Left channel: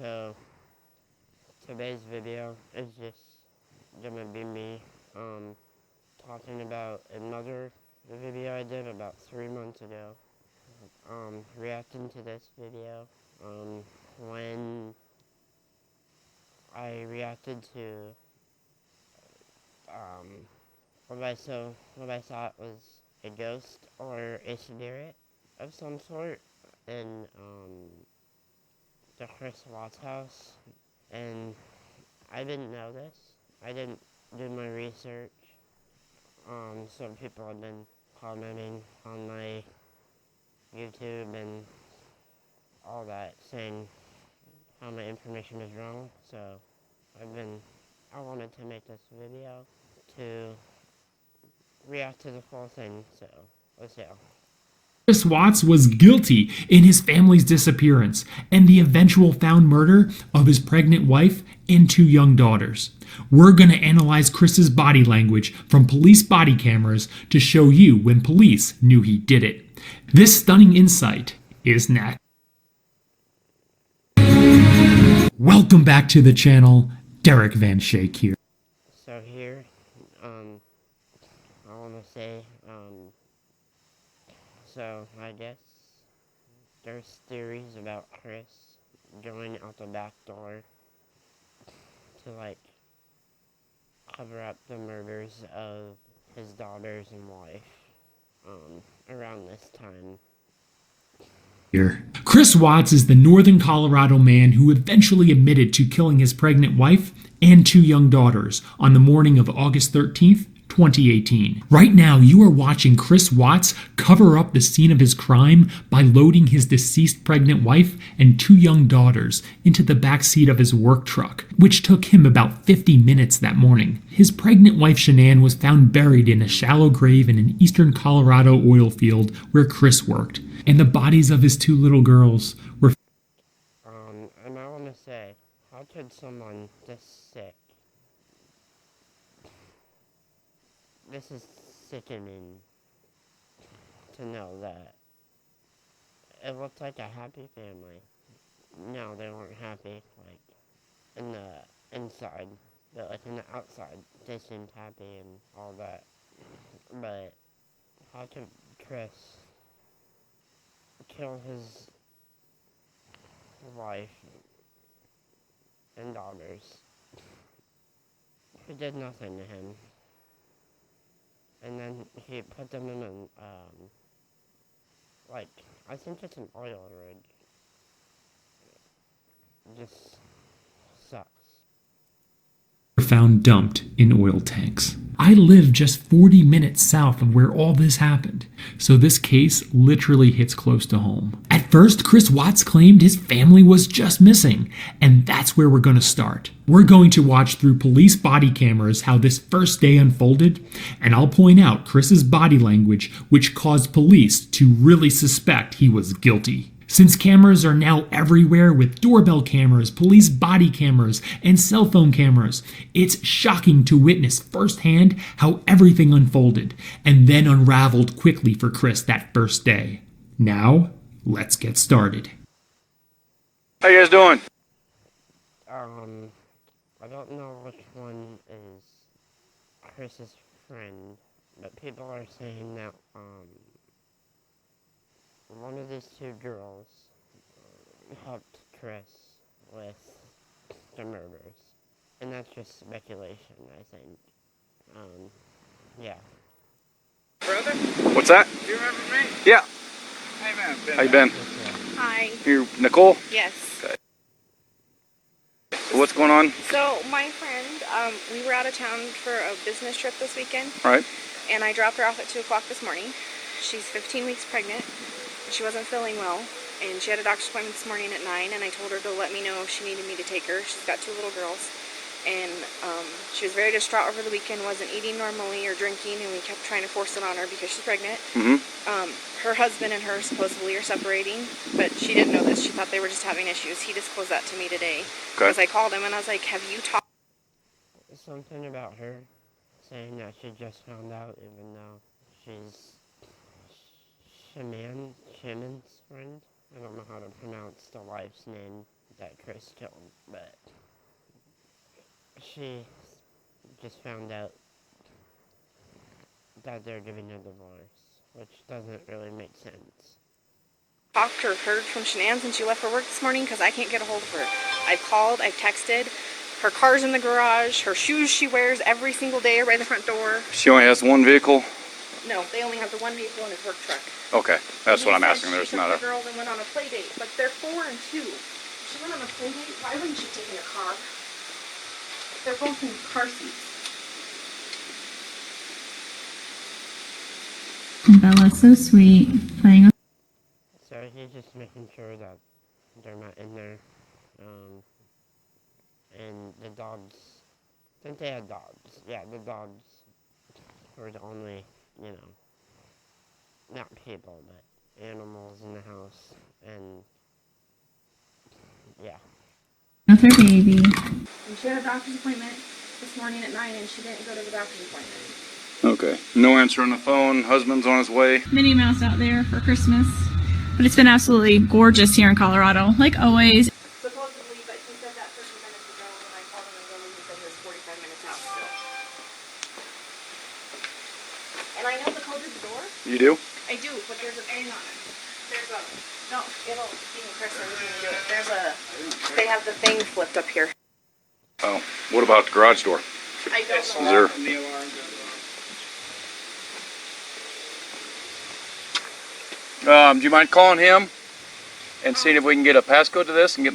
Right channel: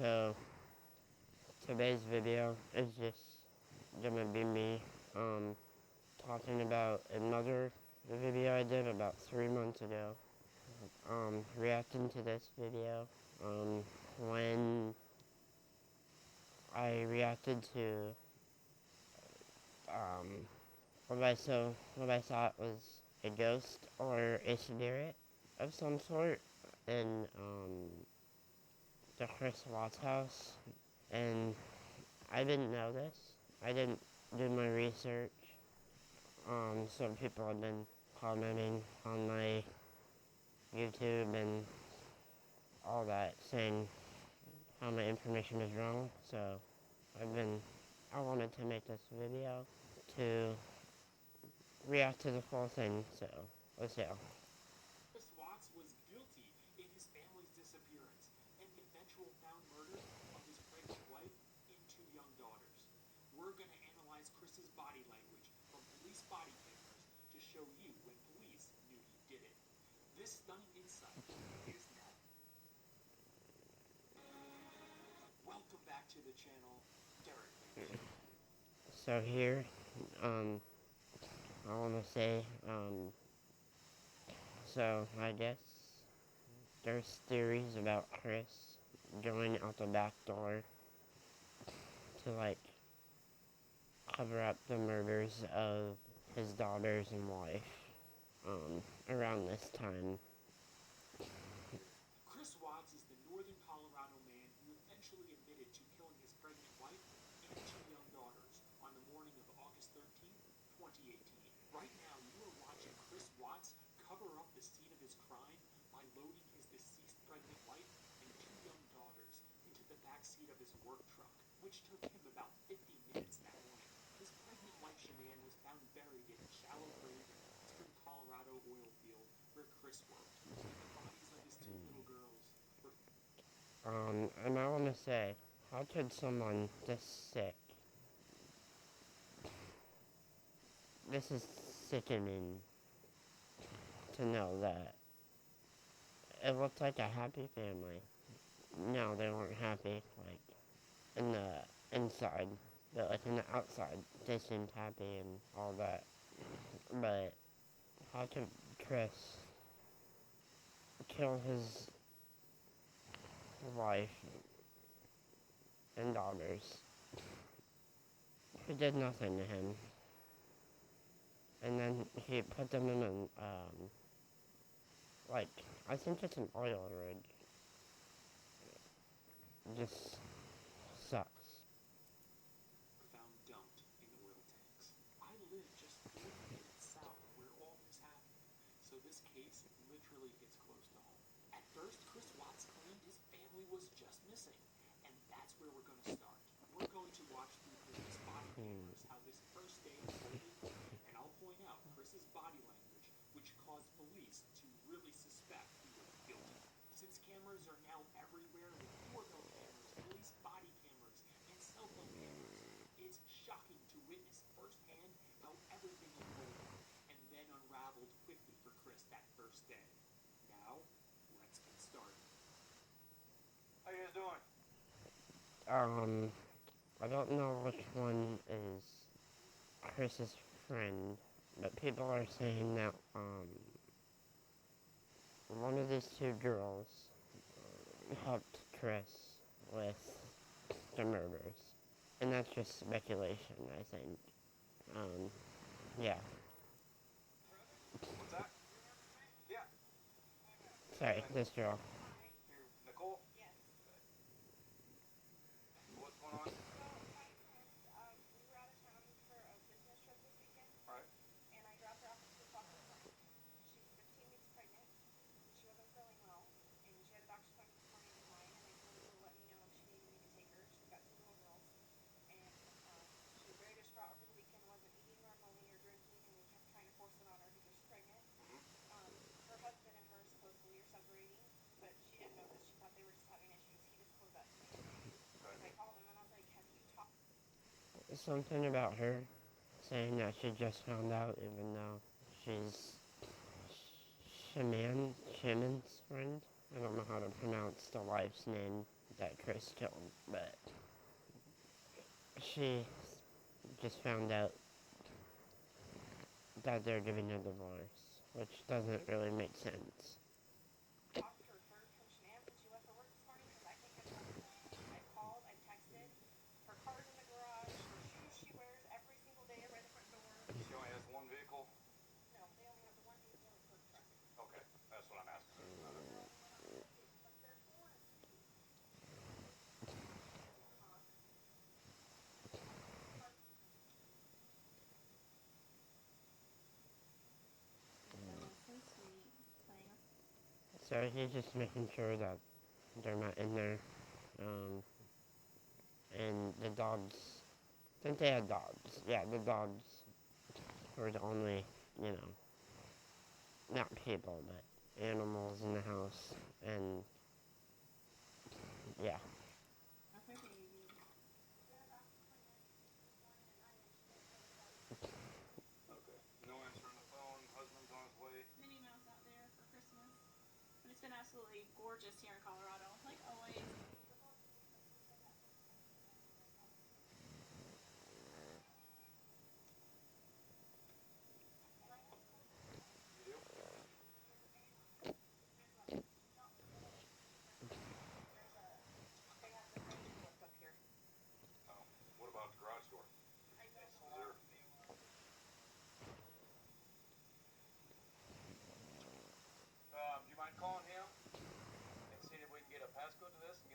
So today's video is just gonna be me talking about another video I did about 3 months ago. Reacting to this video. When I reacted to what I thought was a ghost or a spirit of some sort in the Chris Watts house, and I didn't know this. I didn't do my research. Some people have been commenting on my YouTube and all that, saying how my information is wrong. So I wanted to make this video to react to the full thing. So let's go. Chris Watts was guilty in his family's disappearance and the eventual found murder of his pregnant wife and 2 young daughters. We're going to analyze Chris's body language from police body cameras to show you when police knew he did it. This stunning insight is next. Welcome back to the channel. Derek Van Schaik here. So here, I want to say, so I guess there's theories about Chris going out the back door to like cover up the murders of his daughters and wife around this time. Chris Watts is the northern Colorado man who eventually admitted to killing his pregnant wife and 2 young daughters on the morning of August 13th, 2018. Right now, you are watching Chris Watts cover up the scene of his crime by loading his deceased pregnant wife and 2 young daughters into the backseat of his work truck, which took him about 50 minutes that morning. His pregnant wife Shanann was found buried in a shallow grave in an eastern Colorado oil field where Chris worked, and the bodies of his 2 little girls were and I want to say, how could someone this sick? This is sickening to know that it looked like a happy family. No, they weren't happy, like, in the inside, but like in the outside, they seemed happy and all that. But how could Chris kill his wife and daughters, who did nothing to him? And then he put them in an, like, I think it's an oil rig. Just sucks. found dumped in oil tanks. I live just 40 minutes south of where all this happened, so this case literally hits close to home. At first, Chris Watts claimed his family was just missing, and that's where we're going to start. We're going to watch through police body cameras how this first day unfolded, and I'll point out Chris's body language, which caused police to really suspect he was guilty. Since cameras are now everywhere with doorbell cameras, police body cameras, and cell phone cameras, it's shocking to witness firsthand how everything unfolded and then unraveled quickly for Chris that first day. Now, let's get started. How you guys doing? I don't know which one is Chris's friend, but people are saying that, one of these 2 girls helped Chris with the murders. And that's just speculation, I think. Yeah. Brother? What's that? Do you remember me? Yeah. Hey man, How you been? Just, Hi. You Nicole? Yes. Okay. What's going on? So my friend, we were out of town for a business trip this weekend, All right. and I dropped her off at 2 o'clock this morning. She's 15 weeks pregnant. She wasn't feeling well, and she had a doctor's appointment this morning at 9, and I told her to let me know if she needed me to take her. She's got 2 little girls, and she was very distraught over the weekend, wasn't eating normally or drinking, and we kept trying to force it on her because she's pregnant. Her husband and her supposedly are separating, but she didn't know this. She thought they were just having issues. He disclosed that to me today. Okay. Because I called him, and I was like, have you talked? something about her saying that she just found out, even though she's Shannon's friend. I don't know how to pronounce the wife's name that Chris killed, but she just found out that they're giving a divorce, which doesn't really make sense. Talked or heard from Shanann since she left for work this morning because I can't get a hold of her. I've called, I've texted. Her car's in the garage. Her shoes she wears every single day are by the front door. She only has one vehicle? No, they only have the one vehicle in his work truck. Okay, that's what I'm He said asking. There's she not took a... the girls and went on a play date, but they're 4 and 2. If she went on a play date, why wouldn't she take in a car? They're both in car seats. Bella's so sweet, playing with. So he's just making sure that they're not in there. And the dogs, since they had dogs, yeah, the dogs were the only, not people, but animals in the house. And yeah. With her baby. And she had a doctor's appointment this morning at 9 and she didn't go to the doctor's appointment. Okay. No answer on the phone. Husband's on his way. Minnie Mouse out there for Christmas. But it's been absolutely gorgeous here in Colorado, like always. Supposedly, but he said that 30 minutes ago when I called him and told him he said he was 45 minutes out still. And I know the code to the door. You do? I do, but there's a thing on it. There's a, no, it'll, even Chris or you can do it. There's a, they have the thing flipped up here. Oh, what about the garage door? I don't Is know. there... do you mind calling him and seeing if we can get a passcode to this and get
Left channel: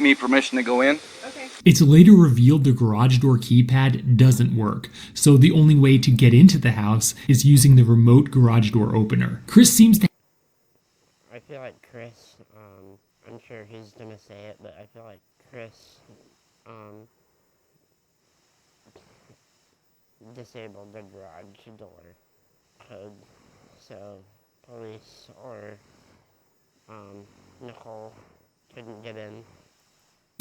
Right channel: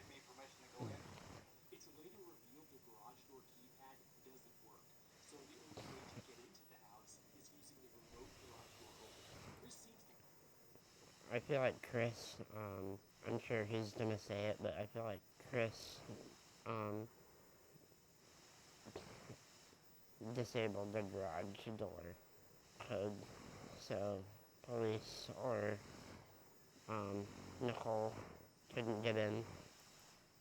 me permission to go in? Okay. It's later revealed the garage door keypad doesn't work, so the only way to get into the house is using the remote garage door opener. Chris seems to... I feel like Chris, I'm sure he's gonna say it, but I feel like Chris, disabled the garage door code, so police or, Nicole couldn't get in.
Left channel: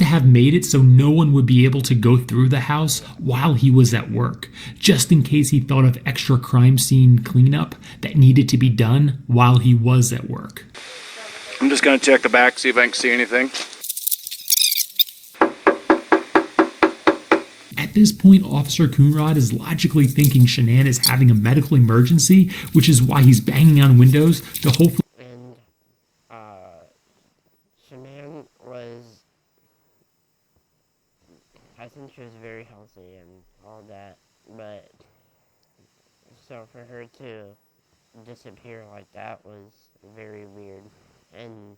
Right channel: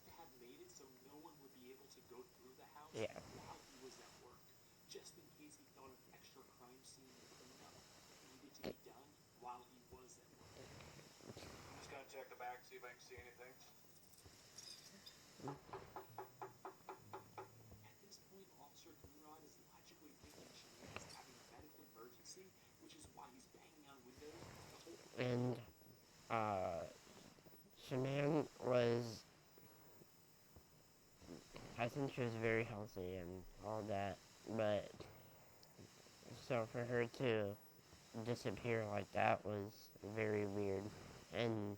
have made it so no one would be able to go through the house while he was at work, just in case he thought of extra crime scene cleanup that needed to be done while he was at work. I'm just gonna check the back, see if I can see anything. At this point, Officer Coonrod is logically thinking Shanann is having a medical emergency, which is why he's banging on windows to hopefully... And, Shanann was, I think she was very healthy and all that, but, so for her to disappear like that was very weird. And,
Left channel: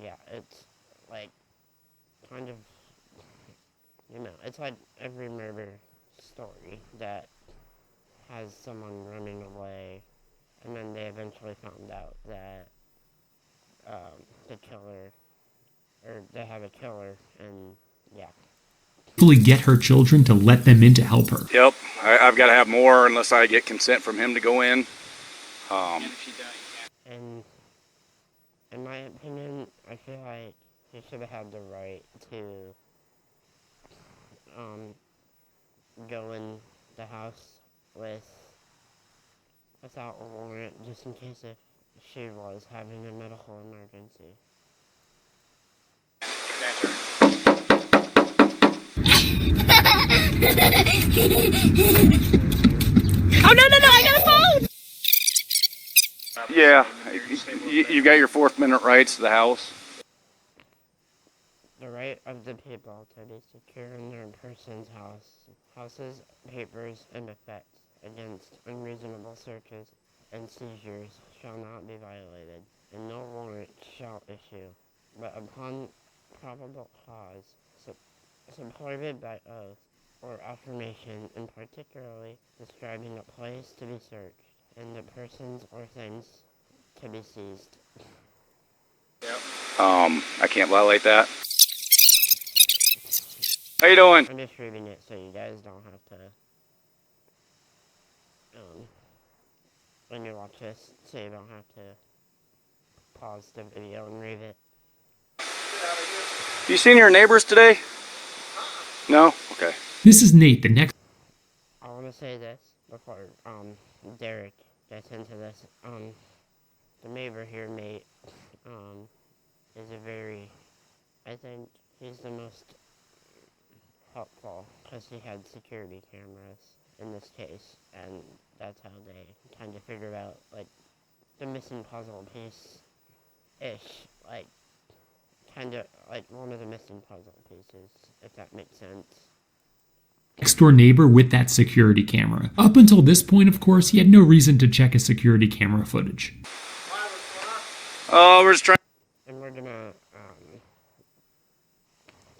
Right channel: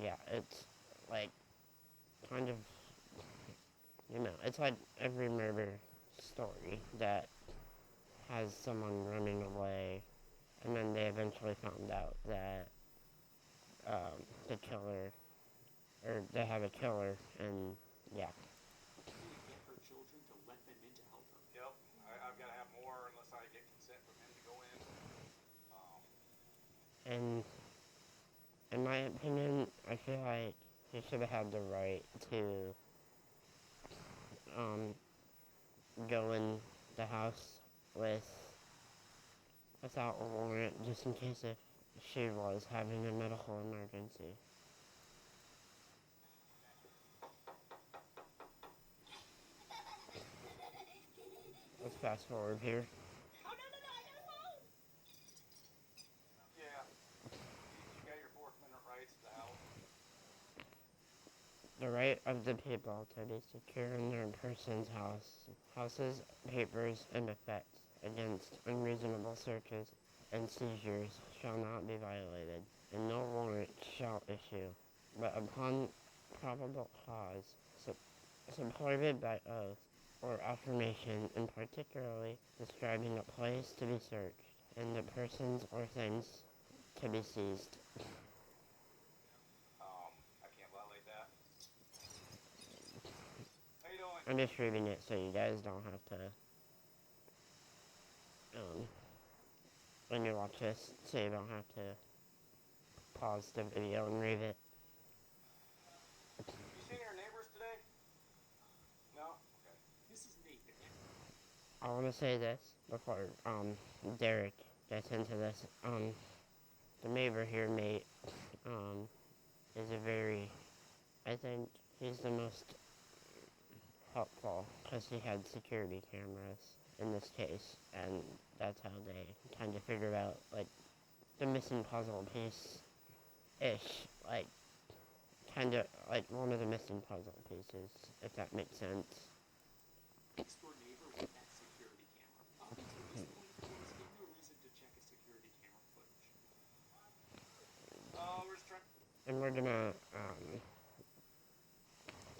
yeah, it's, like, kind of, it's like every murder story that has someone running away, and then they eventually found out that, the killer, or they have a killer, and, yeah. get her children to let them in to help her. Yep, I've got to have more unless I get consent from him to go in. And in my opinion, I feel like he should have had the right to go in the house without a warrant, just in case if she was having a medical emergency. Oh, no, I got a phone! Yeah, you got your Fourth Amendment rights to the house. The right of the people to be secure in their person's houses, papers, and effects against unreasonable searches and seizures shall not be violated, and no warrant shall issue, but upon probable cause, supported by oath or affirmation, and particularly describing a place to be searched, and the persons or things to be seized. I can't violate that. How you doing? I'm just reading it so you guys don't have to, when you watch this, so you don't have to pause the video and read it. You seen your neighbors today? No? Okay. This is Nate, the next... I want to say this before, Derek gets into this. the neighbor here, Nate, is I think he's the most helpful because he had security cameras in this case, and that's how they kind of figured out, like, the missing puzzle piece-ish, like, kind of like one of the missing puzzle pieces, if that makes sense. Next door neighbor with that security camera. Up until this point, of course, he had no reason to check his security camera footage. Oh, we're just trying. And we're gonna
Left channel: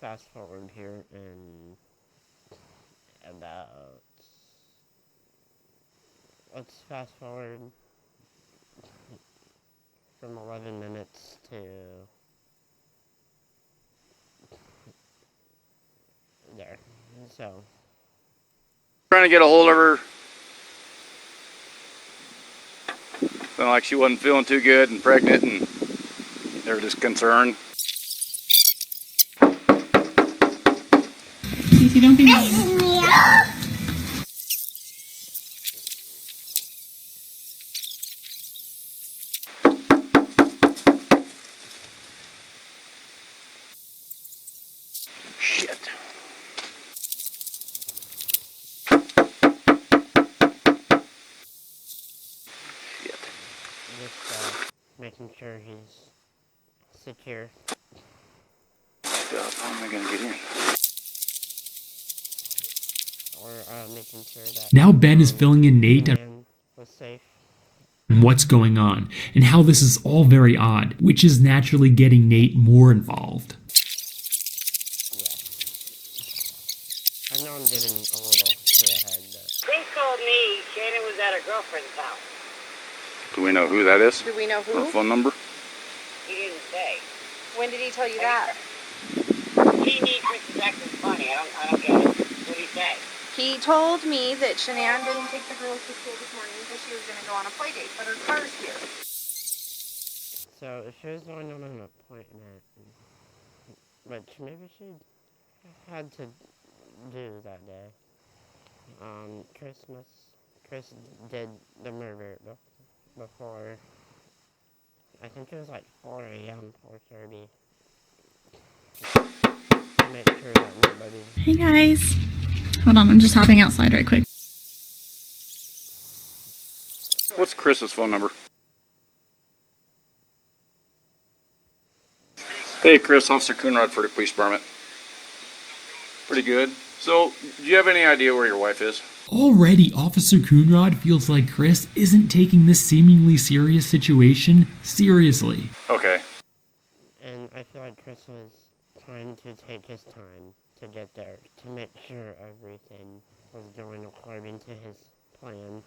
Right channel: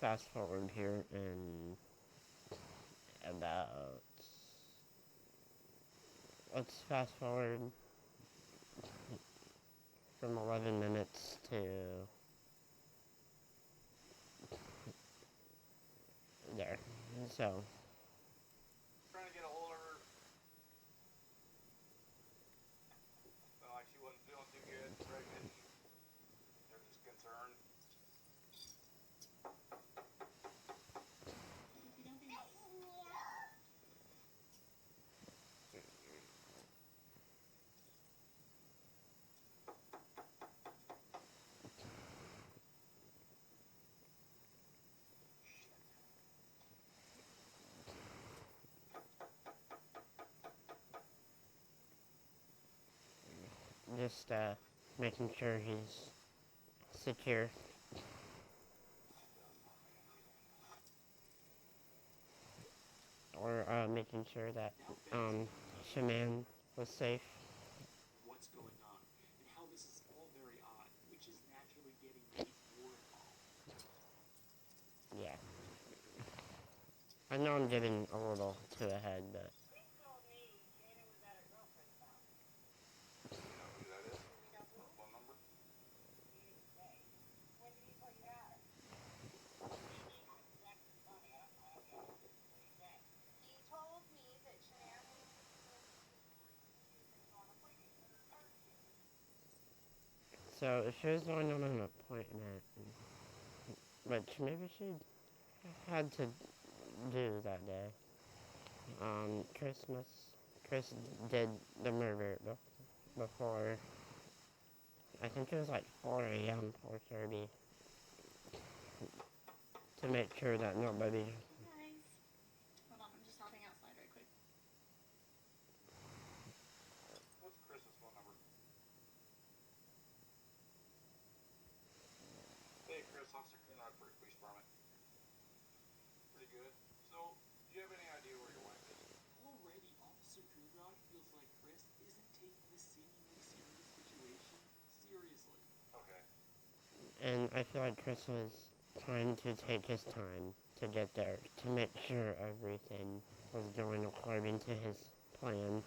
fast forward here in about, let's fast forward from 11 minutes to there. So Trying to get a hold of her. Felt like she wasn't feeling too good and pregnant, and they were just concerned. Cece, don't be mean. Shit. just making sure he's secure. How am I gonna get in? Or making sure that Now Ben is filling in Nate the and man was safe. what's going on, and how this is all very odd, which is naturally getting Nate more involved. Yeah. I know I'm getting a little too ahead, but Police called me. Shannon was at her girlfriend's house. Do we know who that is? Do we know Or who? phone number? He didn't say. When did he tell you that? He needs Mrs. Jackson's money. I don't get it. What did he say? He told me that Shanann didn't take the girls to school this morning because she was going to go on a play date, but her car's here. so if she was going on an appointment, which maybe she had to do that day. Chris did the murder before, I think it was like 4 a.m., 4:30, to make sure that nobody... Hey guys. Hold on, I'm just hopping outside right quick. What's Chris's phone number? Hey Chris, Officer Coonrod for the police department. Pretty good. So, do you have any idea where your wife is? Already, Officer Coonrod feels like Chris isn't taking this seemingly serious situation seriously. Okay. And I feel like Chris was trying to take his time to get there, to make sure everything was going according to his plan.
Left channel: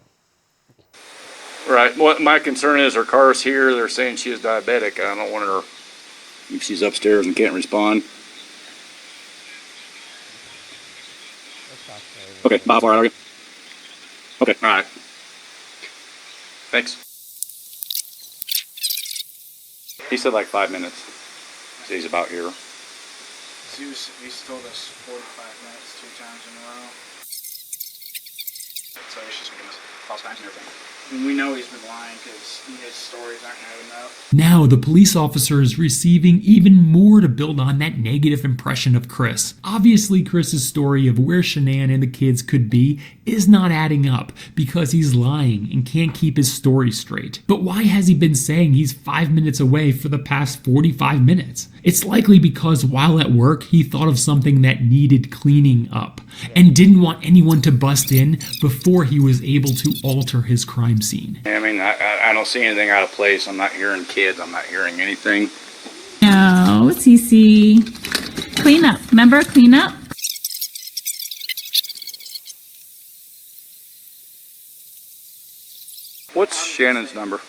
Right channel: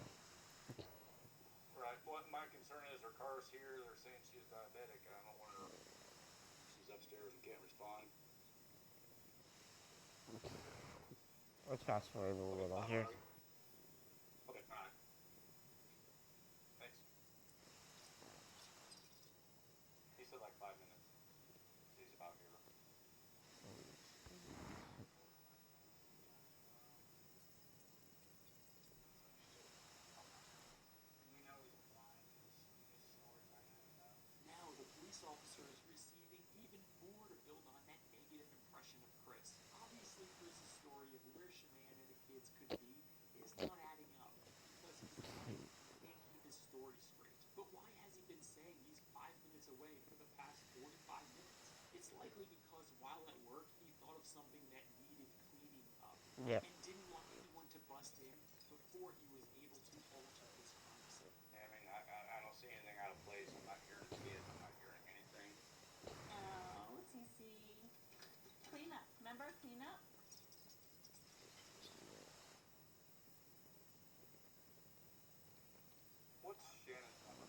Right. What my concern is, her car's here. They're saying she is diabetic. I don't want her, if she's upstairs and can't respond. Let's fast forward. Okay, how far are you? Okay, alright. Thanks. He said like 5 minutes. So he's about here. He's told us 45 minutes 2 times in a row. So he's just giving us false times and everything. And we know he's been lying because his stories aren't adding up. Now, the police officer is receiving even more to build on that negative impression of Chris. Obviously, Chris's story of where Shanann and the kids could be is not adding up because he's lying and can't keep his story straight. But why has he been saying he's 5 minutes away for the past 45 minutes? It's likely because while at work, he thought of something that needed cleaning up and didn't want anyone to bust in before he was able to alter his crime scene. I mean, I don't see anything out of place. I'm not hearing kids. I'm not hearing anything. No, Cece. Clean up. Remember, clean up? What's Shannon's number?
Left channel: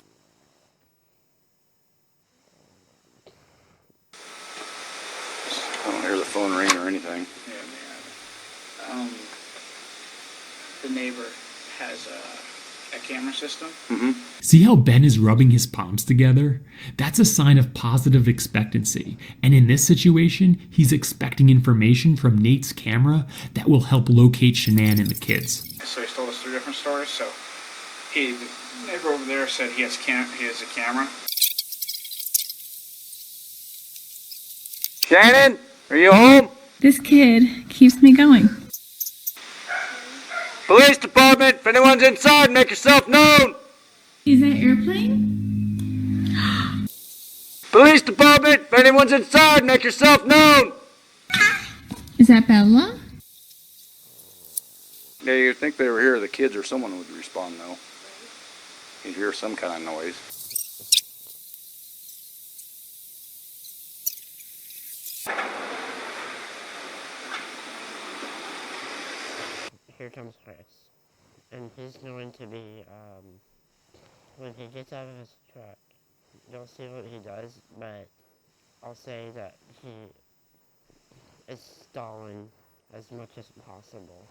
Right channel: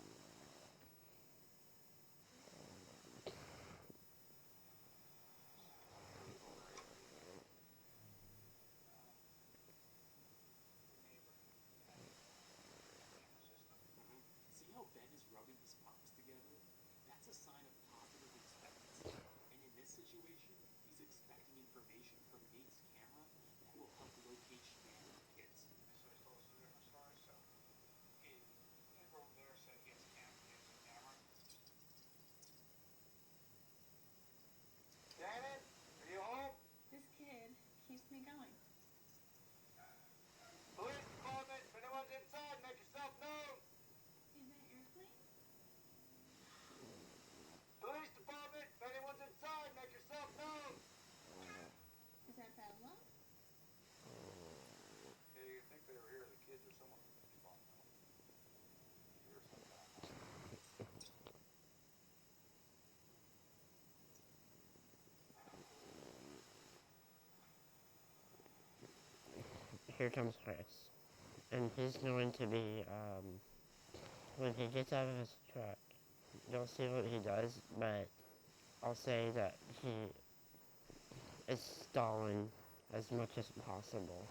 I don't hear the phone ring or anything. Yeah. The neighbor has a camera system. Mm-hmm. See how Ben is rubbing his palms together? That's a sign of positive expectancy. And in this situation, he's expecting information from Nate's camera that will help locate Shanann and the kids. So he's told us 3 different stories. So he neighbor over there said he has a camera. Shannon, are you home? This kid keeps me going. Police department, if anyone's inside, make yourself known. Is that airplane? Police department, if anyone's inside, make yourself known. Is that Bella? Yeah, you'd think they were here, the kids or someone would respond though. You'd hear some kind of noise. Here comes Chris. And he's going to be, when he gets out of his truck, you'll see what he does, but I'll say that he is stalling as much as possible.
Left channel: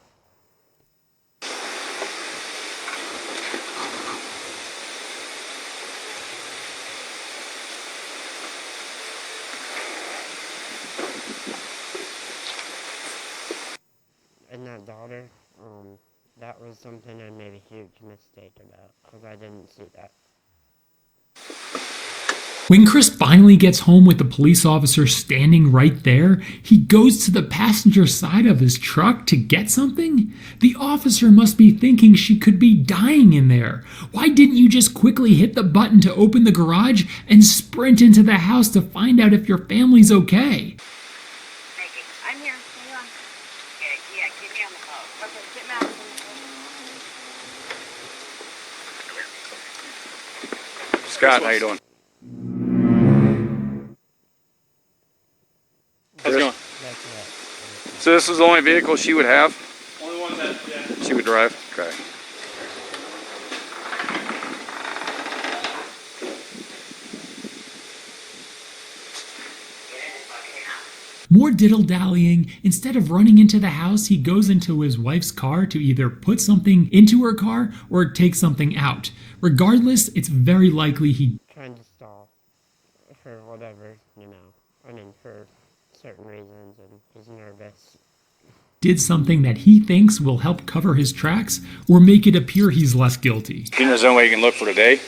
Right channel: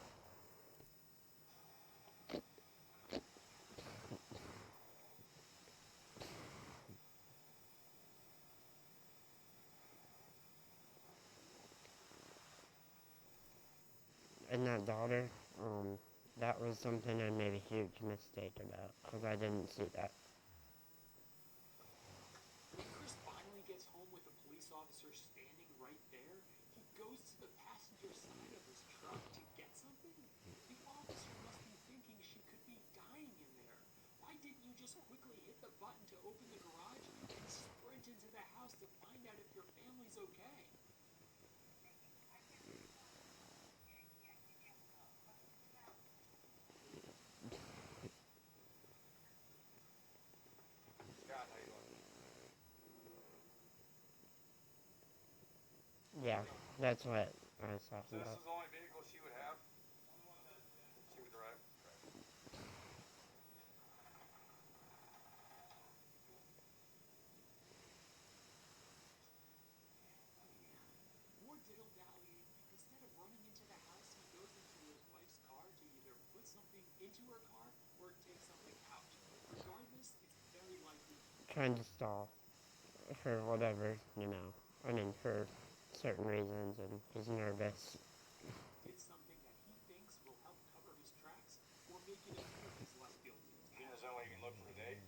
And that daughter, that was something I made a huge mistake about, because I didn't see that. When Chris finally gets home with the police officer standing right there, he goes to the passenger side of his truck to get something? The officer must be thinking she could be dying in there. Why didn't you just quickly hit the button to open the garage and sprint into the house to find out if your family's okay? I'm here. Hang on. Yeah, keep me on the phone. Okay, get Madison. Scott, how you doing? How's it going? That's what. So this is the only vehicle she would have? Only one that, yeah. She would drive? Okay. More diddle-dallying. Instead of running into the house, he goes into his wife's car to either put something into her car or take something out. Regardless, it's very likely he Trying to stall for whatever, for certain reasons, and he's nervous. did something that he thinks will help cover his tracks or make it appear he's less guilty. You know, there's no way you can look for today?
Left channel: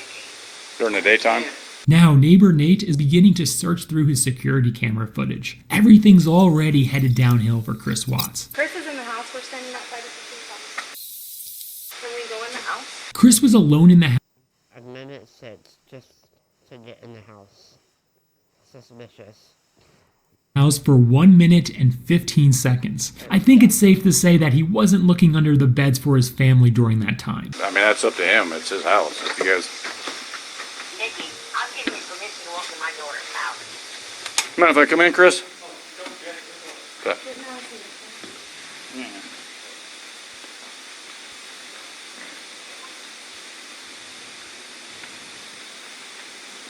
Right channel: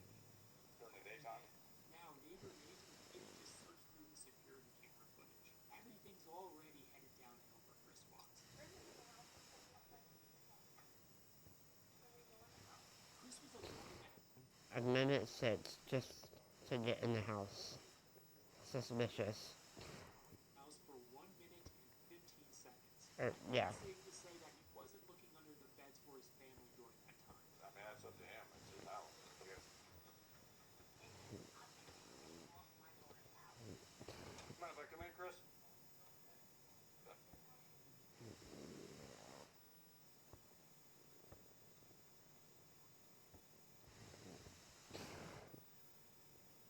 During the daytime? Now, neighbor Nate is beginning to search through his security camera footage. Everything's already headed downhill for Chris Watts. Chris is in the house. We're standing outside the police office. Can we go in the house? Chris was alone in the house. A minute 6 just to get in the house. Suspicious. For 1 minute and 15 seconds. I think it's safe to say that he wasn't looking under the beds for his family during that time. I mean, that's up to him. It's his house. If you guys... Nikki, I'm giving you permission to walk in my daughter's house. Mind if I come in, Chris? Okay.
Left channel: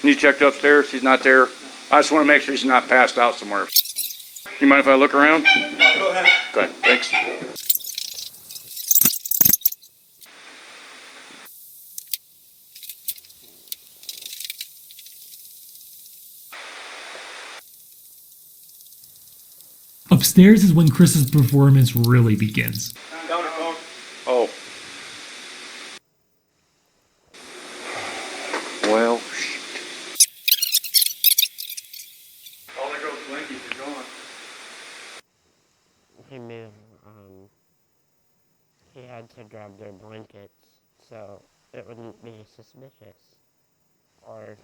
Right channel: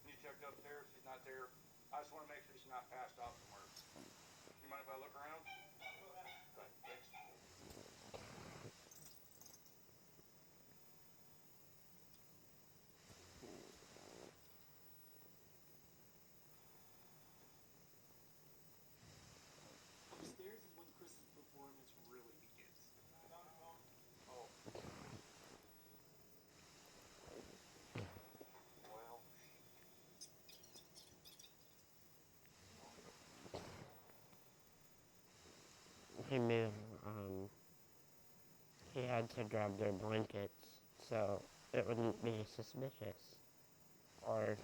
You checked upstairs? She's not there? I just want to make sure she's not passed out somewhere. You mind if I look around? Go ahead. Okay, thanks. Upstairs is when Chris's performance really begins. Down her phone. Oh. Well, All the girls blinkies are gone. He knew, he had to grab their blankets, so it wouldn't be suspicious. Or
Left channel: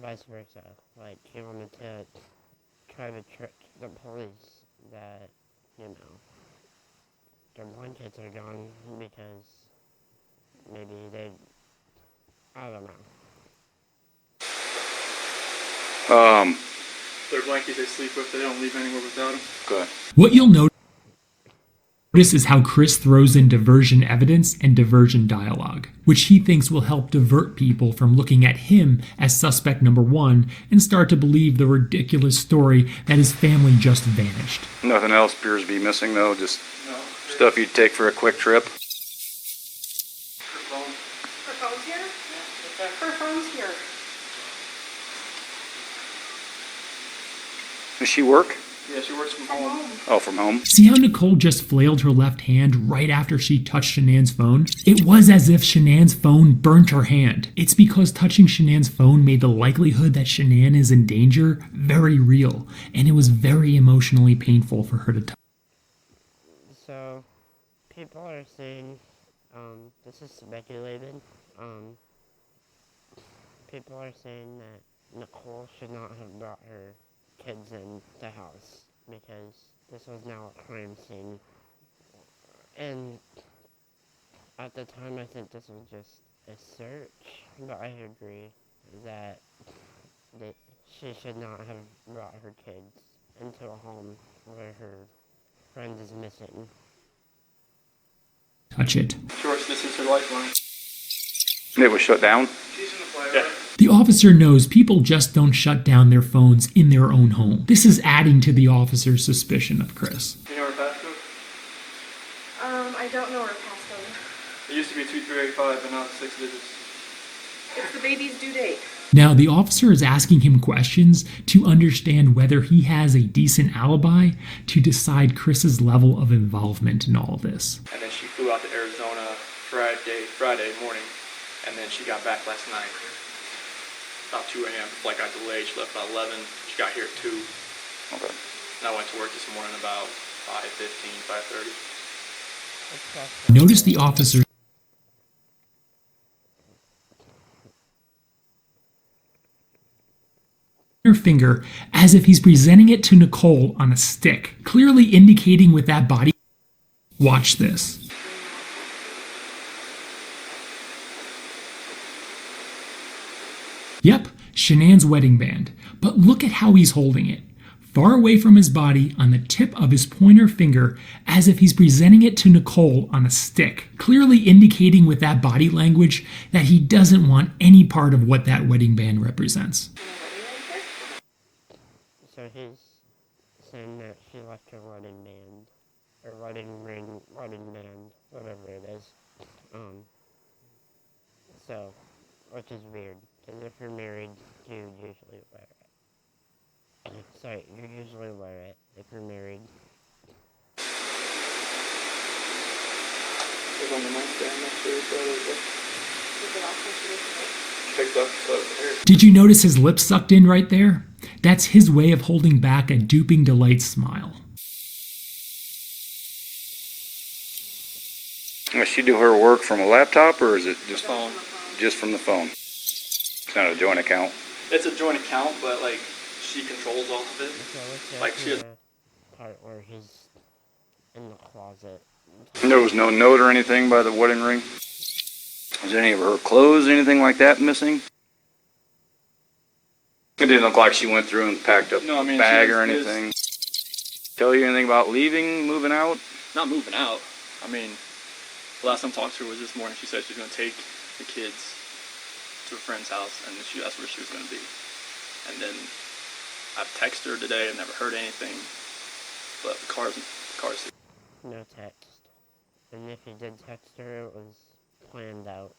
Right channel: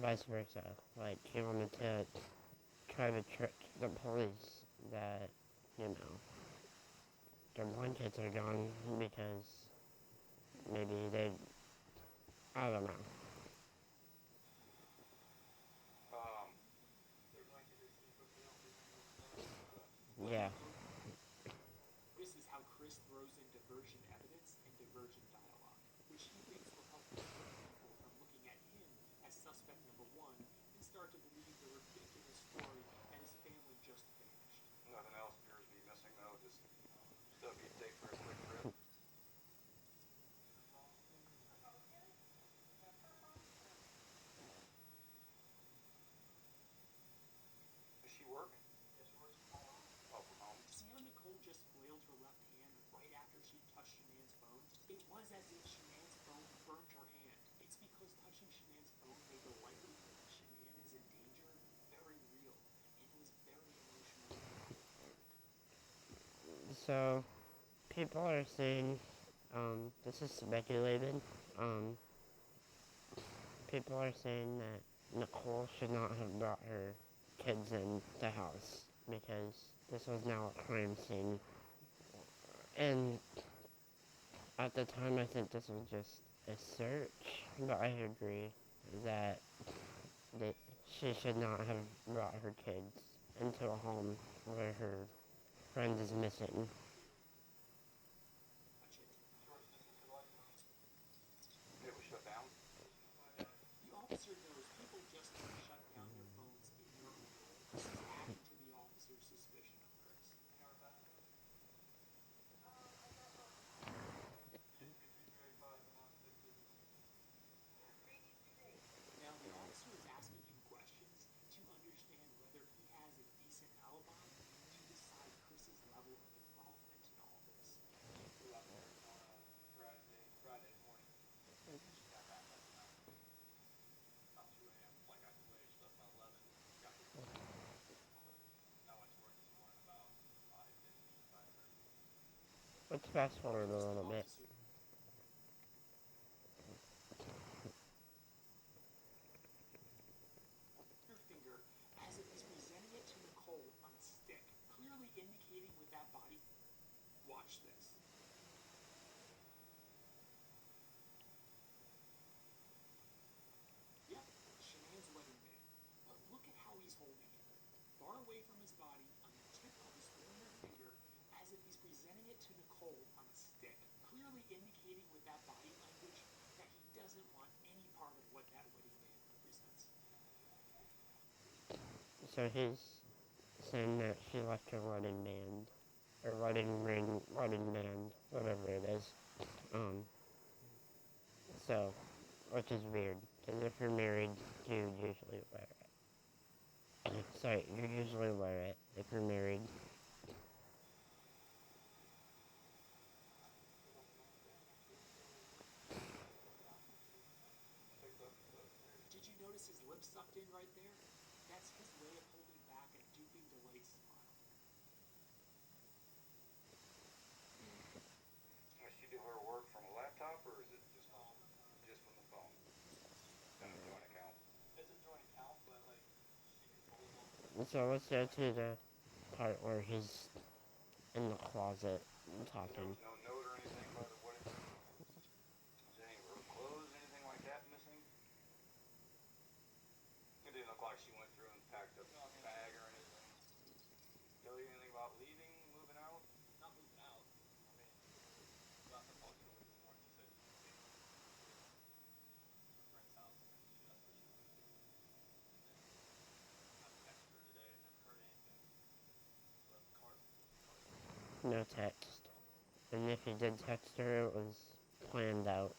vice versa. Like, he wanted to try to trick the police that, their blankets are gone because maybe they, I don't know. Their blankets they sleep with, they don't leave anywhere without them. good. What you'll notice is how Chris throws in diversion evidence and diversion dialogue, which he thinks will help divert people from looking at him as suspect number 1 and start to believe the ridiculous story that his family just vanished. Nothing else appears to be missing, though. Just stuff you'd take for a quick trip. Her phone's here? Her phone's here. Does she work? Yeah, she works from home. Oh, from home? See how Nicole just flailed her left hand right after she touched Shanann's phone? It was as if Shanann's phone burnt her hand. It's because touching Shanann's phone made the likelihood that Shanann is in danger very real, and it was very emotionally painful for her to touch. So, people are saying, this is speculated, people are saying that Nicole should not have brought her kids in the house because this was now a crime scene. And at the time I think this was just a search, but I agree that she should not have brought her kids into a home where her friend is missing. Touch it. George, this is her lifeline. It was shut down? She's in the play, right? The officer knows people just don't shut down their phones in their own home. This is adding to the officer's suspicion of Chris. You know her passcode? I don't know her passcode. It used to be 2385, but now it's 6 digits. It's the baby's due date. Now, the officer is asking him questions to understand whether he has a decent alibi to decide Chris's level of involvement in all of this. And then she flew out to Arizona Friday morning, and then she got back last night. About 2 a.m. Flight got delayed. She left about 11. She got here at 2. Okay. And I went to work this morning about 5:15, 5:30. Notice the officer her finger as if he's presenting it to Nicole on a stick, clearly indicating with that body. Watch this. Yep, Shanann's wedding band, but look at how he's holding it. Far away from his body on the tip of his pointer finger as if he's presenting it to Nicole on a stick, clearly indicating with that body language that he doesn't want any part of what that wedding band represents. So he's saying that she left her wedding band, or wedding ring, wedding band, whatever it is. So, which is weird, because if you're married, you usually wear it. Sorry, you usually wear it if you're married. It was on the nightstand next to her, picked up the hair. Did you notice his lips sucked in right there? That's his way of holding back a duping delight smile. Does she do her work from a laptop, or is it just Phone. just from the phone? It's not a joint account. It's a joint account, but like she controls all of it. So let's get Like to she- the part where he's in the closet. There was no note or anything by the wedding ring? Was any of her clothes, anything like that missing? It didn't look like she went through and packed up No, I a mean, bag she or was- anything. Tell you anything about leaving, moving out? Not moving out. I mean, the last time I talked to her was this morning. She said she was going to take the kids to a friend's house, and she asked where she was going to be. And then I've texted her today. I've never heard anything. But the car's here. No text. And if he did text her, it was planned out.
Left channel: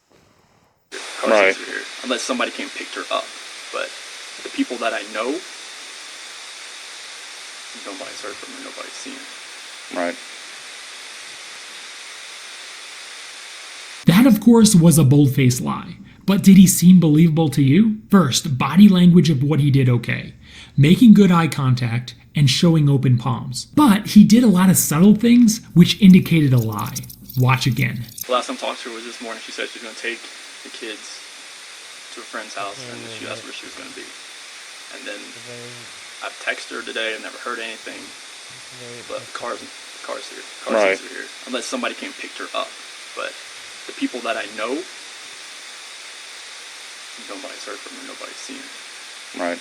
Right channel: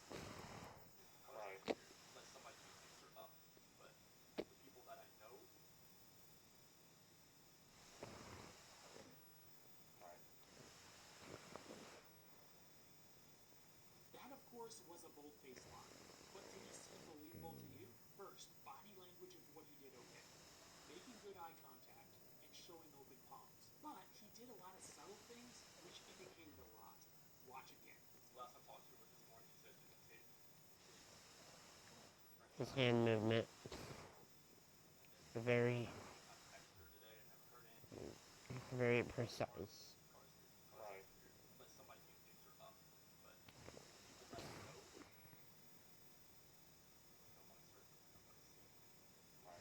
Car Right. seats are here. Unless somebody came and picked her up. But the people that I know, nobody's heard from her. Nobody's seen her. Right. That, of course, was a bold-faced lie. But did he seem believable to you? First, body language of what he did okay. Making good eye contact and showing open palms. But he did a lot of subtle things which indicated a lie. Watch again. The last time I talked to her was this morning. She said she was going to take the kids to a friend's house, and then she asked where she was going to be. And then Very, I've texted her today. I've never heard anything. very. But car's here. Car Right. seats are here. Unless somebody came and picked her up. But the people that I know, nobody's heard from her. Nobody's seen her. Right.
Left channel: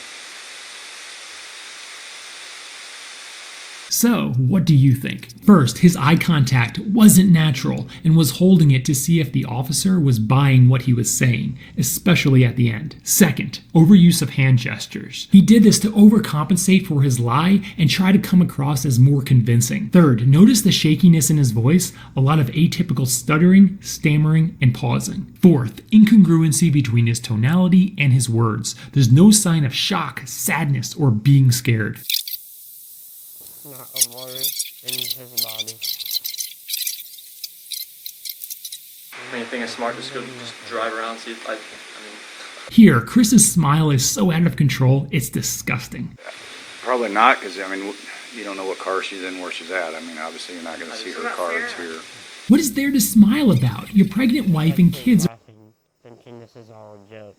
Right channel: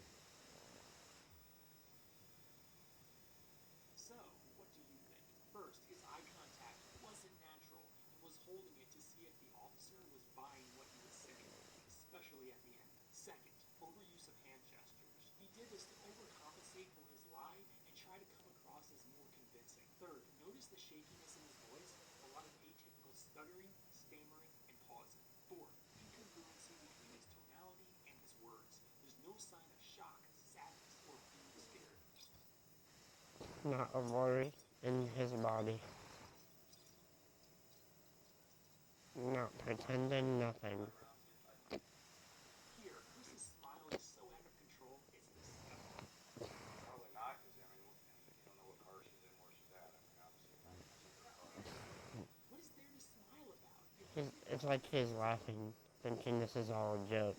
So, what do you think? First, his eye contact wasn't natural and was holding it to see if the officer was buying what he was saying, especially at the end. Second, overuse of hand gestures. He did this to overcompensate for his lie and try to come across as more convincing. Third, notice the shakiness in his voice, a lot of atypical stuttering, stammering, and pausing. Fourth, incongruency between his tonality and his words. There's no sign of shock, sadness, or being scared. not a worry in his body. I mean, I think it's smart just go just drive around, see, like, I mean, Here, Chris's smile is so out of control, it's disgusting. Probably not, because, I mean, you don't know what car she's in, where she's at. I mean, obviously, you're not going to see her car. It's here. What is there to smile about? Your pregnant wife and Like, kids laughing, thinking this is all a joke.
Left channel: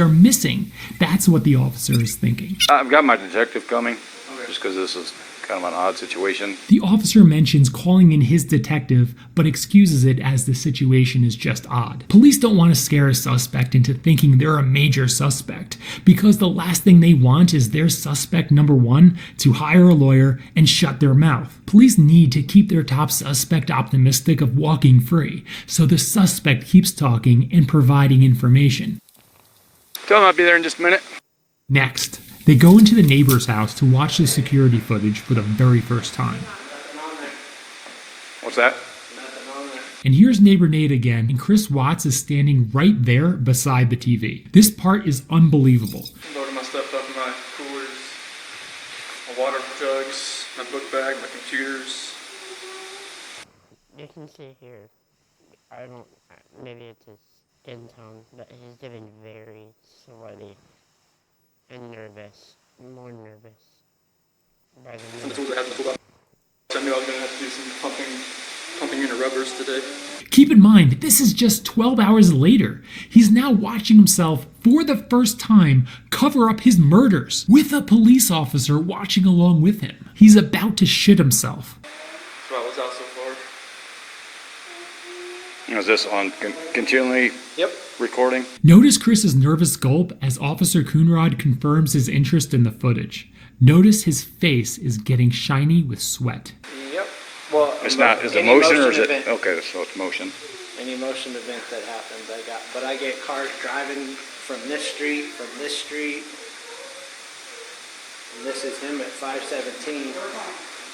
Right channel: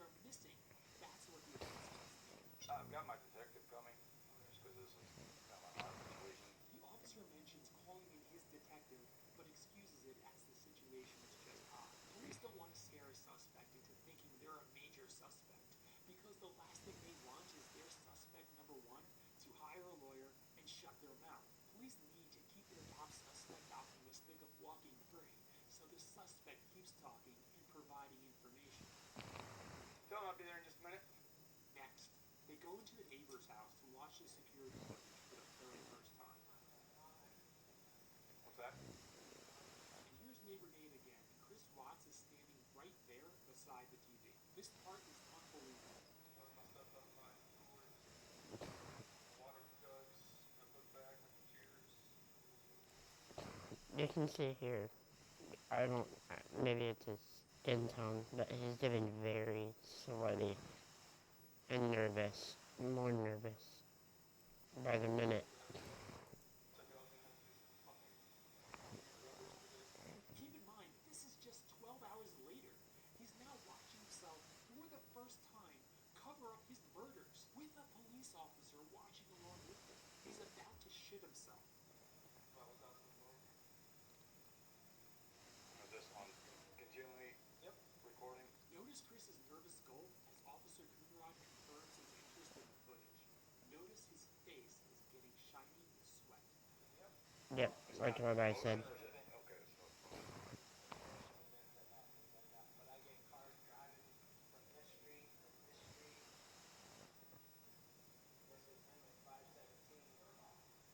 are missing. That's what the officer is thinking. I've got my detective coming, just because this is kind of an odd situation. The officer mentions calling in his detective, but excuses it as the situation is just odd. Police don't want to scare a suspect into thinking they're a major suspect, because the last thing they want is their suspect number one to hire a lawyer and shut their mouth. Police need to keep their top suspect optimistic of walking free, so the suspect keeps talking and providing information. Tell him I'll be there in just a minute. Next, they go into the neighbor's house to watch the security footage for the very first time. What's that? And here's neighbor Nate again, and Chris Watts is standing right there beside the TV. This part is unbelievable. loading my stuff up in my coolers, my water jugs, my book bag, my computers. You can see here, I don't, maybe it's his skin tone, but he's getting very sweaty and nervous, more nervous by the minute. Tools I had to pull out. I knew I was going to have to do some pumping into rubbers today. Keep in mind, this is just 12 hours later. He's now watching himself, for the first time, cover up his murders, with a police officer watching along with him. He's about to shit himself. So I was out so far. Is this on continually Yep. recording? Notice Chris's nervous gulp as Officer Coonrod confirms his interest in the footage. Notice his face is getting shiny with sweat. Yep. Well, It's not, is it any motion or is it? event- Okay, so it's motion. Any motion event that happens, but I get cars driving from this street, and this is him at 517.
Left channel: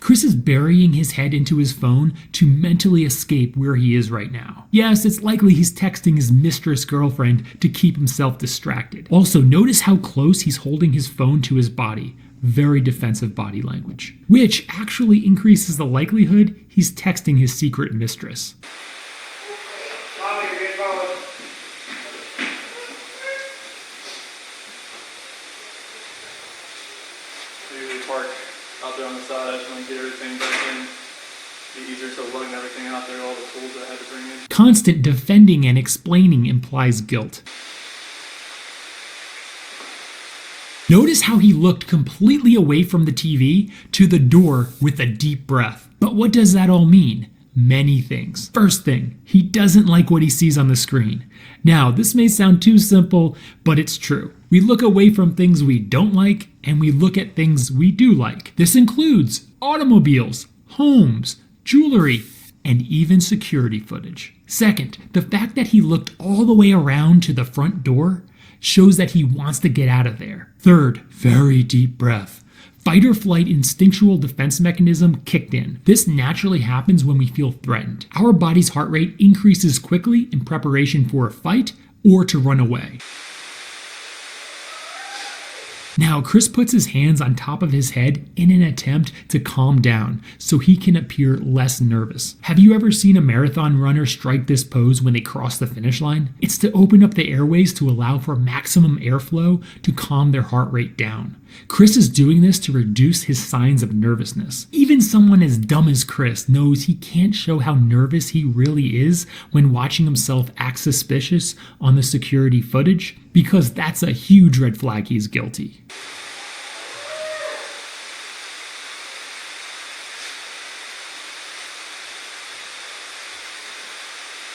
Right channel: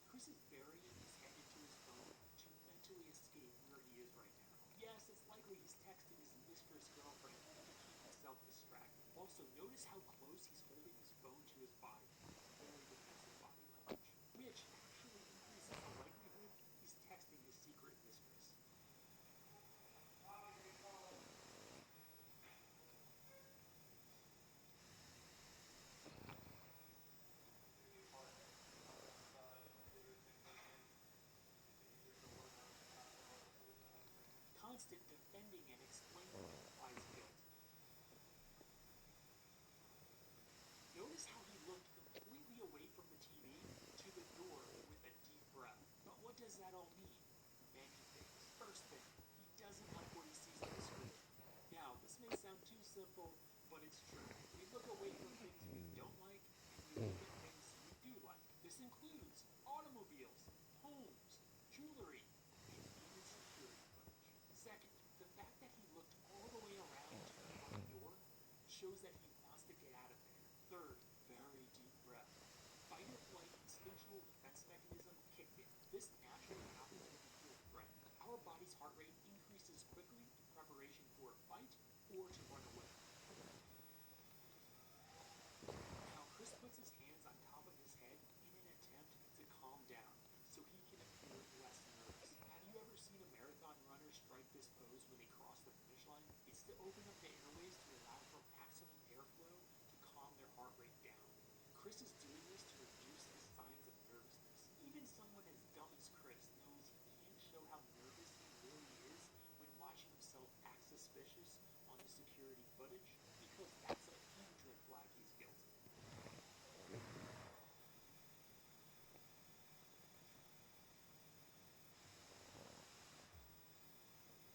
Chris is burying his head into his phone to mentally escape where he is right now. Yes, it's likely he's texting his mistress girlfriend to keep himself distracted. Also, notice how close he's holding his phone to his body. Very defensive body language, which actually increases the likelihood he's texting his secret mistress. I usually park out there on the side and get everything back in. Be easier to lug everything out there, all the tools that I had to bring in. Constant defending and explaining implies guilt. Notice how he looked completely away from the TV to the door with a deep breath. But what does that all mean? Many things. First thing, he doesn't like what he sees on the screen. Now, this may sound too simple, but it's true. We look away from things we don't like, and we look at things we do like. This includes automobiles, homes, jewelry, and even security footage. Second, the fact that he looked all the way around to the front door shows that he wants to get out of there. Third, very deep breath. Fight or flight instinctual defense mechanism kicked in. This naturally happens when we feel threatened. Our body's heart rate increases quickly in preparation for a fight or to run away. Now, Chris puts his hands on top of his head in an attempt to calm down so he can appear less nervous. Have you ever seen a marathon runner strike this pose when they cross the finish line? It's to open up the airways to allow for maximum airflow to calm their heart rate down. Chris is doing this to reduce his signs of nervousness. Even someone as dumb as Chris knows he can't show how nervous he really is when watching himself act suspicious on the security footage, because that's a huge red flag he's guilty.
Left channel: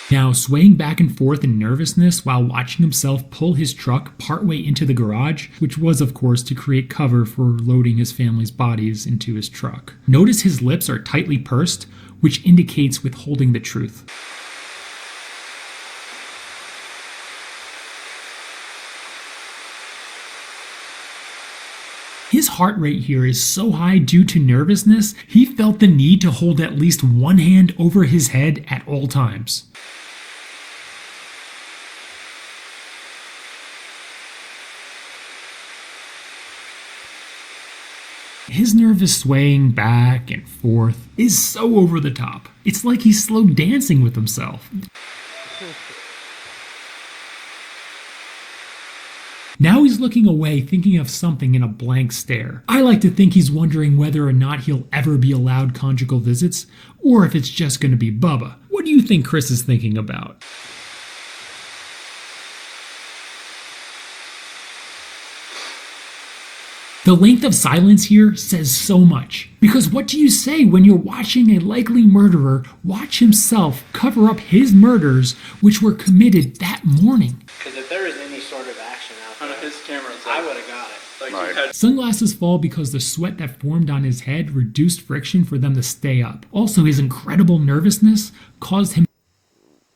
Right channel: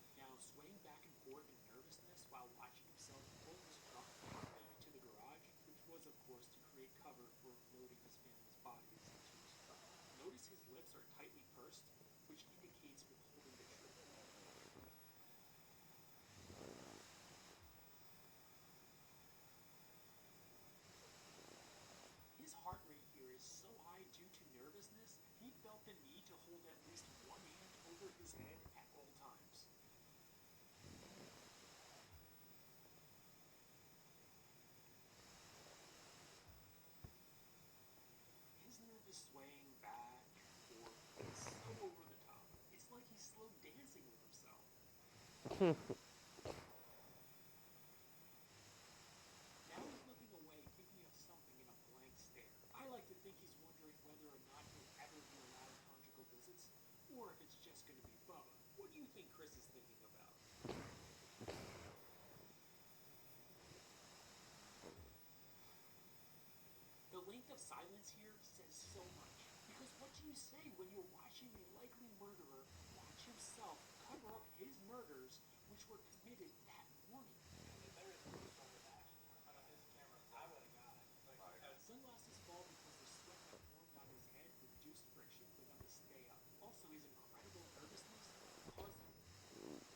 Now, swaying back and forth in nervousness while watching himself pull his truck partway into the garage, which was, of course, to create cover for loading his family's bodies into his truck. Notice his lips are tightly pursed, which indicates withholding the truth. His heart rate here is so high due to nervousness, he felt the need to hold at least one hand over his head at all times. His nervous swaying back and forth is so over the top. It's like he's slow dancing with himself. Now he's looking away, thinking of something in a blank stare. I like to think he's wondering whether or not he'll ever be allowed conjugal visits, or if it's just going to be Bubba. What do you think Chris is thinking about? The length of silence here says so much. Because what do you say when you're watching a likely murderer watch himself cover up his murders, which were committed that morning? Because if there was any sort of action out On there, his camera, it's I like, would have got it. like Right. he had Sunglasses fall because the sweat that formed on his head reduced friction for them to stay up. Also, his incredible nervousness caused him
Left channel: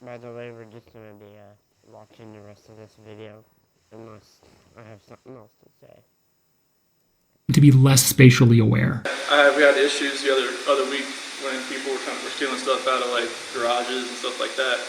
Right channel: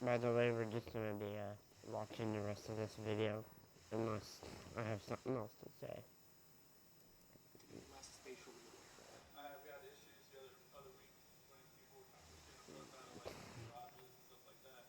By the way, we're just gonna be watching the rest of this video, unless I have something else to say. to be less spatially aware. we had issues the other week when people were stealing stuff out of like garages and stuff like that,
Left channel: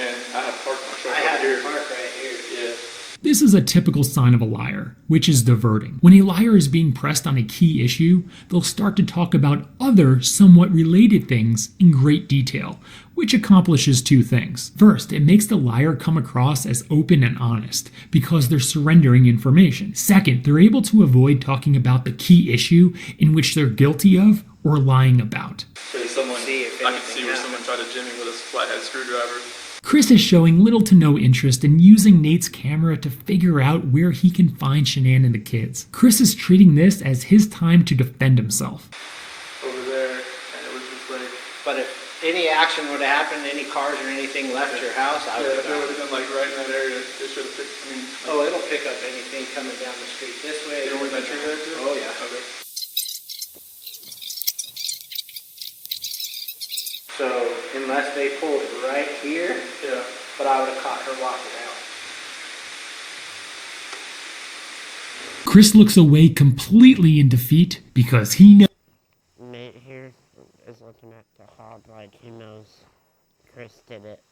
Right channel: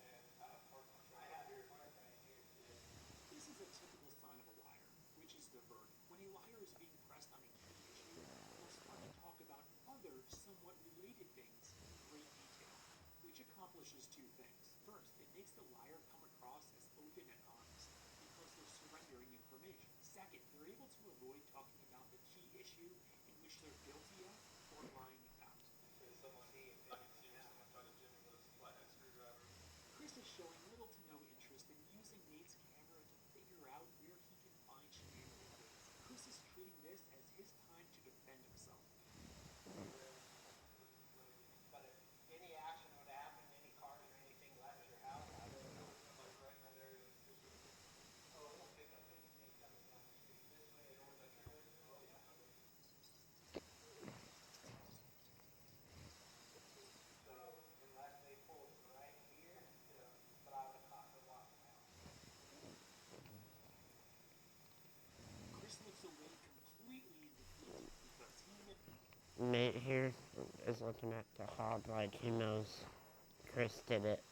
and I had parked my truck I over had here. to park right here. Yeah. This is a typical sign of a liar, which is diverting. When a liar is being pressed on a key issue, they'll start to talk about other, somewhat related things in great detail, which accomplishes two things. First, it makes the liar come across as open and honest, because they're surrendering information. Second, they're able to avoid talking about the key issue in which they're guilty of or lying about. So someone, See if I could anything see where happens. someone tried to jimmy with a flathead screwdriver. Chris is showing little to no interest in using Nate's camera to figure out where he can find Shanann and the kids. Chris is treating this as his time to defend himself. Over there, and it was just like, But if any action would have happened, any cars or anything left your house, I would yeah, if have it got would it. have been like right in that area, it should have picked. I mean, Oh, it'll pick up anything coming down the street this way. you know where that tree there too? Oh, yeah. Okay. So unless they pulled right here, Yeah. but I would have caught her walking out. Chris looks away completely in defeat because he knows Nate here is looking at the hob like he knows Chris did it.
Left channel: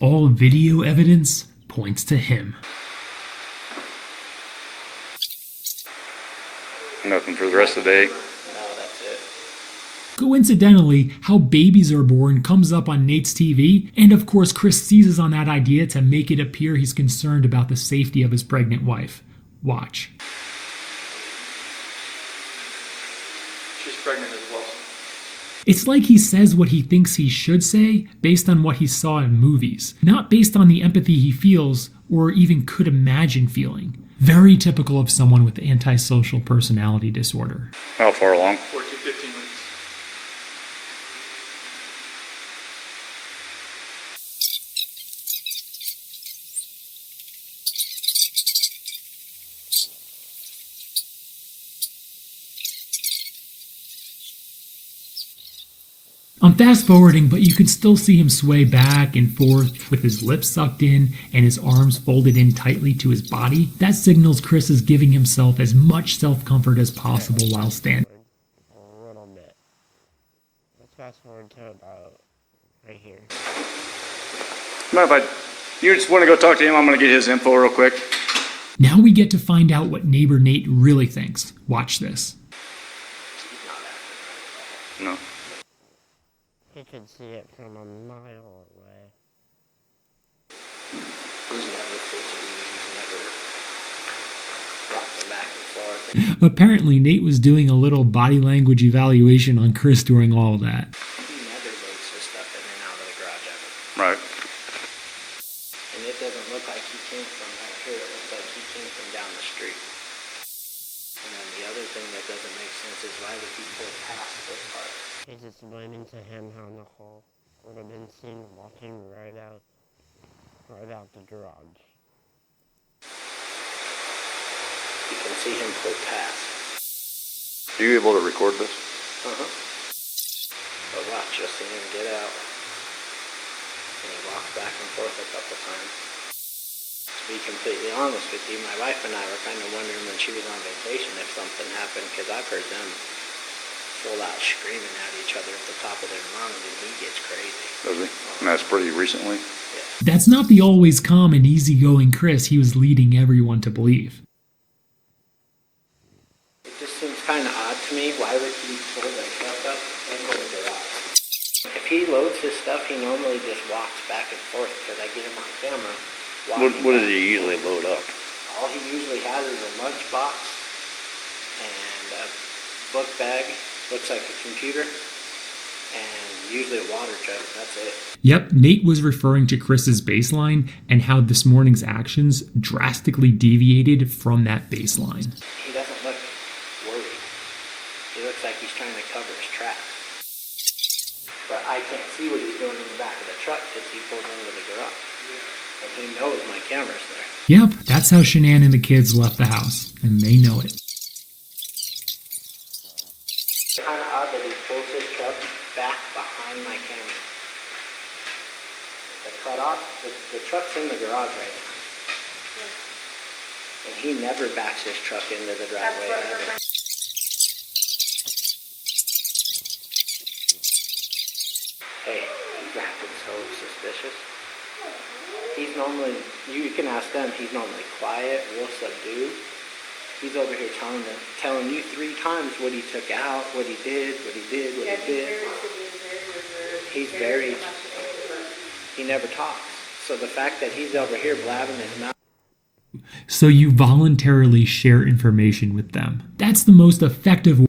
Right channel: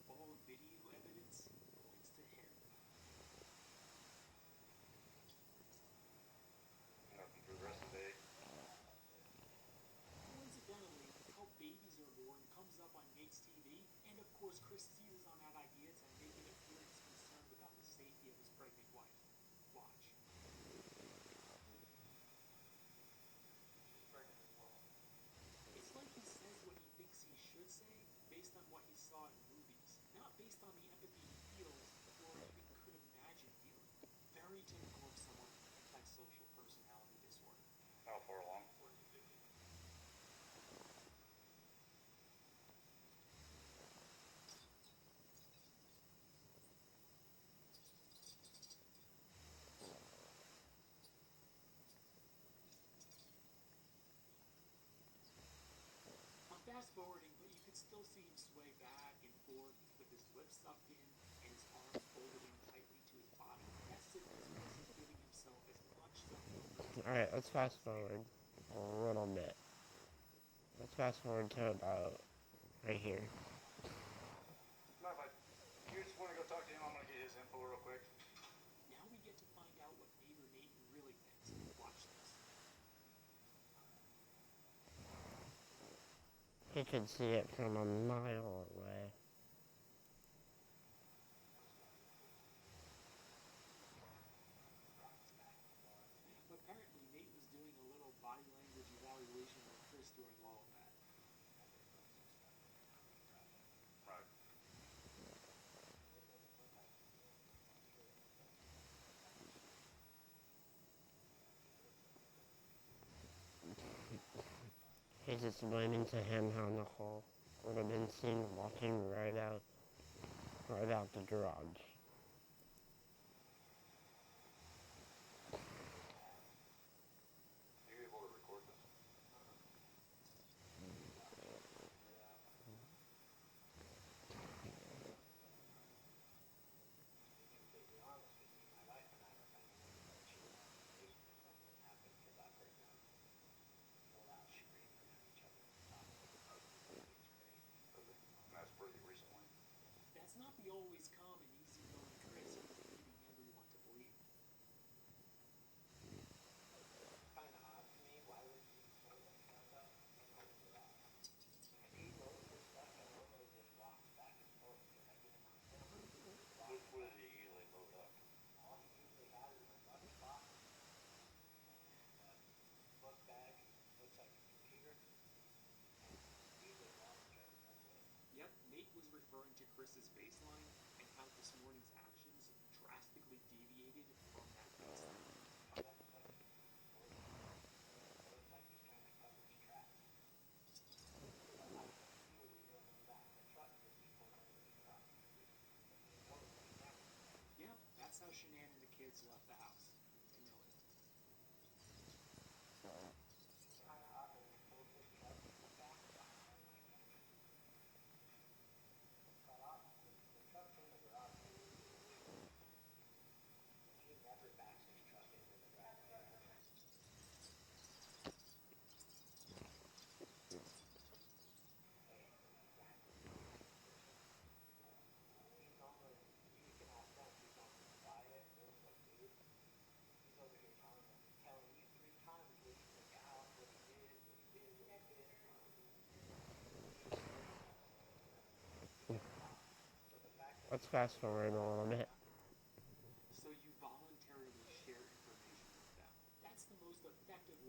all video evidence points to him. Nothing for the rest of the day. No, that's it. Coincidentally, how babies are born comes up on Nate's TV, and of course Chris seizes on that idea to make it appear he's concerned about the safety of his pregnant wife. Watch. She's pregnant as well. It's like he says what he thinks he should say based on what he saw in movies, not based on the empathy he feels or even could imagine feeling. Very typical of someone with antisocial personality disorder. How far along? 14, 15 weeks. I'm fast forwarding, but you can still see him sway back and forth with his lips sucked in and his arms folded in tightly to his body. That signals Chris is giving himself as much self-comfort as possible let's while fast standing. forward a little bit. Let's fast forward to about right here. Mind if you just want to go talk to him? I'm going to get his info real quick. Now we get to find out what neighbor Nate really thinks. Watch this. No. He could see it from a mile away. He's never fidgety. He's never rocking back and forth. Apparently Nate was doing a little body language evaluation on Chris during all of that. He never takes his stuff in and out of the garage ever. Right. And it doesn't look like he came from right here. It looks like he came from down the street. And then the other thing that doesn't make sense is why would he pull past this part? He's explaining to him how Nicole would have been seen walking right out the garage. You can see him pull past. Are you able to record this? Uh-huh. But watch, you'll see him get out. And he walks back and forth a couple times. To be completely honest with you, my wife and I were kind of wondering when she was on vacation if something happened, because I've heard them full out screaming at each other at the top of their lungs, and he gets crazy. Does he? And that's pretty recently. Yeah. That's not the always calm and easygoing Chris he was leading everyone to believe. to me, why would he pull the truck up into the garage? If he loads his stuff, he normally just walks back and forth because I get him on camera. What does he usually load up? All he usually has is a lunchbox and a book bag, looks like a computer, and usually a water jug. That's it. Yep, Nate was referring to Chris's baseline and how this morning's actions drastically deviated from that baseline. He doesn't look worried. He looks like he's trying to cover his tracks. But I can't see what he's doing in the back of the truck because he pulled into the garage. And he knows my camera's there. Yep, that's how Shanann and the kids left the house, and they know it. It's kind of odd that he pulls his truck back behind my camera. The cutoff, the truck's in the garage right now. And he never backs his truck into the driveway ever. Hey, he's acting so suspicious. He's normally, you can ask them, he's normally quiet, real subdued. He's over here telling you 3 times what he took out, what he did. He's very, he never talks. So the fact that he's over here blabbing his mouth. So you voluntarily share information with them. That's the most effective way.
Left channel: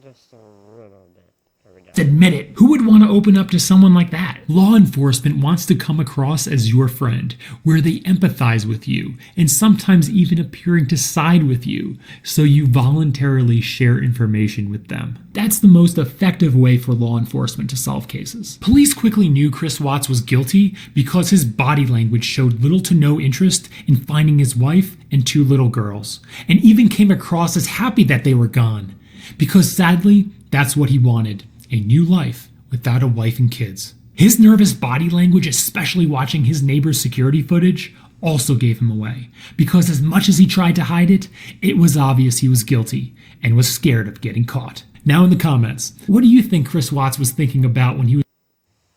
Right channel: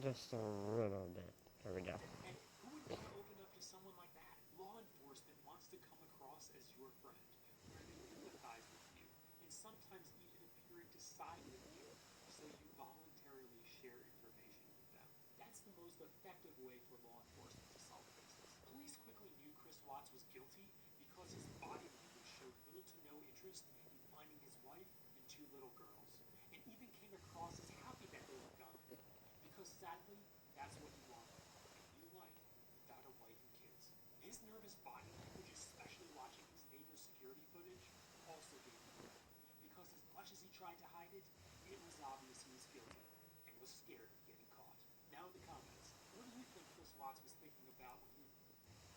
Just a little bit. Here we go. Admit it. Who would want to open up to someone like that? Law enforcement wants to come across as your friend, where they empathize with you, and sometimes even appearing to side with you. So you voluntarily share information with them. That's the most effective way for law enforcement to solve cases. Police quickly knew Chris Watts was guilty because his body language showed little to no interest in finding his wife and 2 little girls, and even came across as happy that they were gone. Because sadly, that's what he wanted. A new life without a wife and kids. His nervous body language, especially watching his neighbor's security footage, also gave him away. Because as much as he tried to hide it, it was obvious he was guilty and was scared of getting caught. Now in the comments, what do you think Chris Watts was thinking about when he was...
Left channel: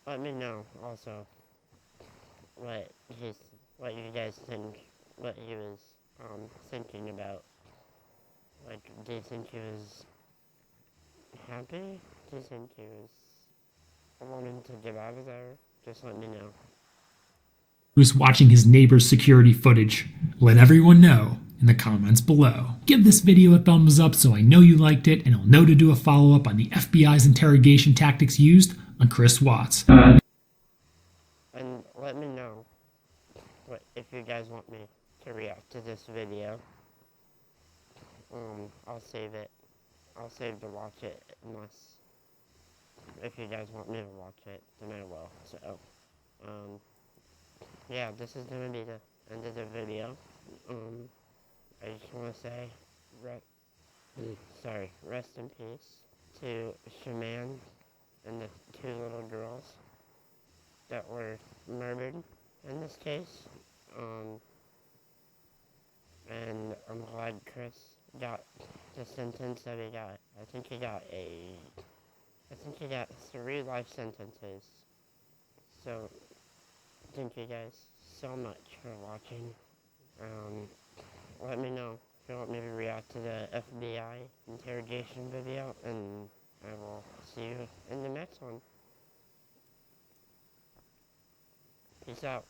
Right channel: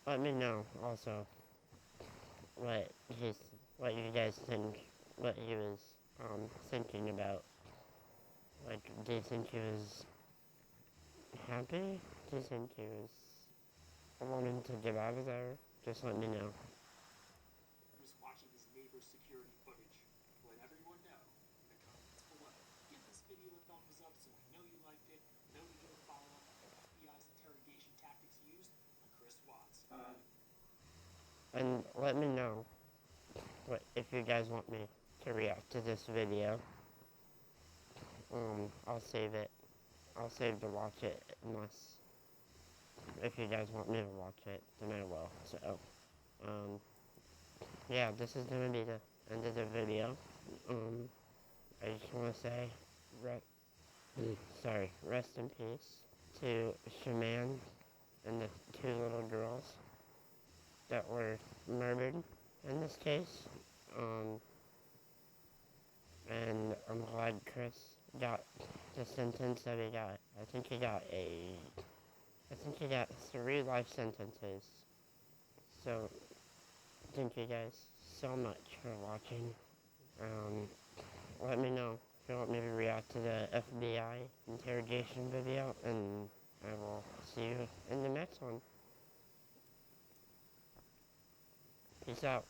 Let me know also what you guys think, what he was thinking about. Like, do you think he was happy? Do you think he was wanting to get out of there? Just let me know. was watching his neighbor's security footage? Let everyone know in the comments below. Give this video a thumbs up so I know you liked it, and I'll know to do a follow-up on the FBI's interrogation tactics used on Chris Watts. And let me know if you guys want me to react to this video. I'll save it. I'll save to watch it unless if you guys want me to watch it, then I will. So, yeah, this is gonna be the end of the video. I just want to say, rest in peace to Shanann and the 2 little girls that were murdered in this case. And I'm glad Chris got the sentence that he got. I think he got 3 life sentences. So, thank you guys so much for watching. Let me know if you want me to react to the FBI interrogation video, and I will see you in the next one. Peace out.